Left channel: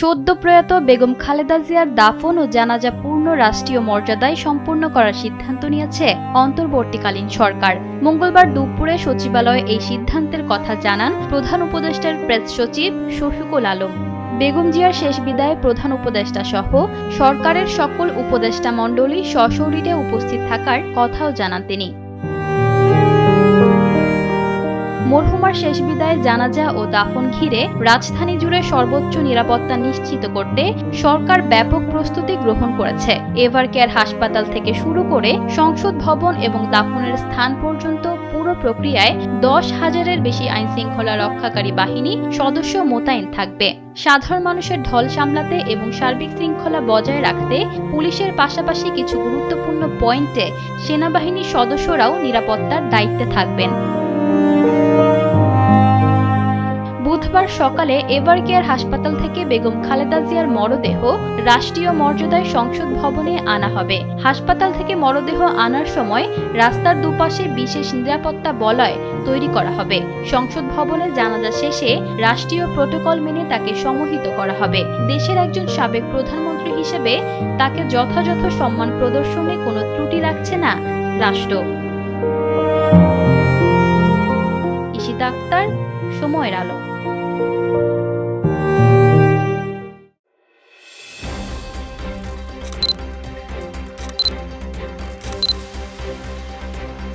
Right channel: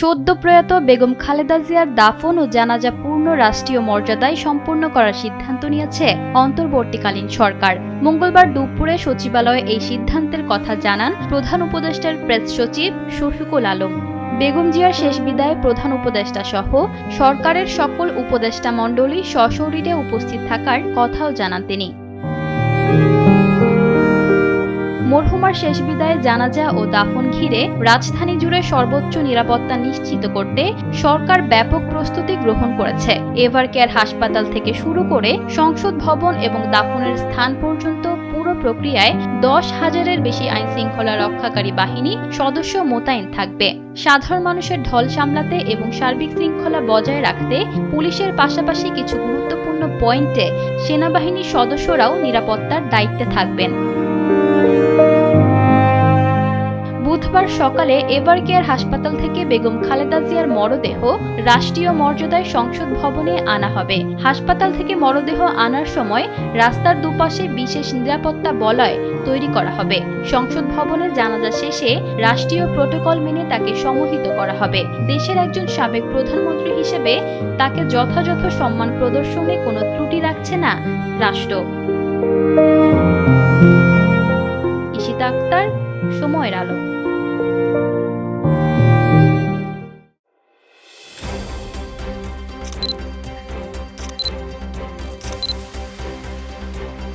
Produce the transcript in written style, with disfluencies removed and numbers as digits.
সদ্য প্রয়াত বেগম খালেদা জিয়ার দাফন ও জানাজা পূর্ণ রাষ্ট্রীয় মর্যাদায় সম্পন্ন করার সিদ্ধান্ত নিয়েছে অন্তর্বর্তীকালীন সরকার। মঙ্গলবার দুপুরে সচিবালয়ে এই সিদ্ধান্তের কথা জানান প্রধান উপদেষ্টার প্রেস সচিব শফিকুল আলম। বেগম জিয়ার শেষ বিদায়ে প্রধান উপদেষ্টা সহ সরকারের সকল উপদেষ্টা মণ্ডলী সশরীরে উপস্থিত থাকার কথাও জানান তিনি। মরহুমার শেষ বিদায়ে জানাজা ও দাফন ঘিরে রাজধানী জুড়ে সর্বোচ্চ নিরাপত্তা নিশ্চিত করতে সরকার ব্যাপক প্রস্তুতি গ্রহণ করেছে। এভারকেয়ার হাসপাতাল থেকে শুরু করে সংসদ ভবন এবং দাফনের স্থান পর্যন্ত পুরো প্রক্রিয়ায় 10,000-এর বেশি আইনশৃঙ্খলা রক্ষাকারী বাহিনী সদস্য মোতায়েন থাকবে। সাধারণ মানুষের ঢল সামলাতে এবং সার্বিক শৃঙ্খলা বজায় রাখতে পুলিশের পাশাপাশি কিছু গুরুত্বপূর্ণ পয়েন্টে সেনাবাহিনীর সদস্যরাও নিরাপত্তার দায়িত্বে থাকবেন। বুধবার সকালে এভারকেয়ার হাসপাতাল থেকে বেগম খালেদা জিয়ার মরদেহ রাষ্ট্রীয় মর্যাদায় সংসদ ভবনে আনা হবে। হাসপাতাল থেকে মরদেহ আনার সময় রাস্তার দুপাশে বিশেষ নিরাপত্তা বলয় তৈরি করা হবে। সংসদ ভবনে জানাজা শেষে রাষ্ট্রীয় প্রটোকল মেনে তাকে সমাহিত করা হবে। দেশের একজন সাবেক প্রধানমন্ত্রী হিসেবে তাকে যথাযথ সম্মান প্রদর্শনে কোনো ত্রুটি রাখছে না রাষ্ট্র। ইশিতা আক্তার, সময়ের আলো।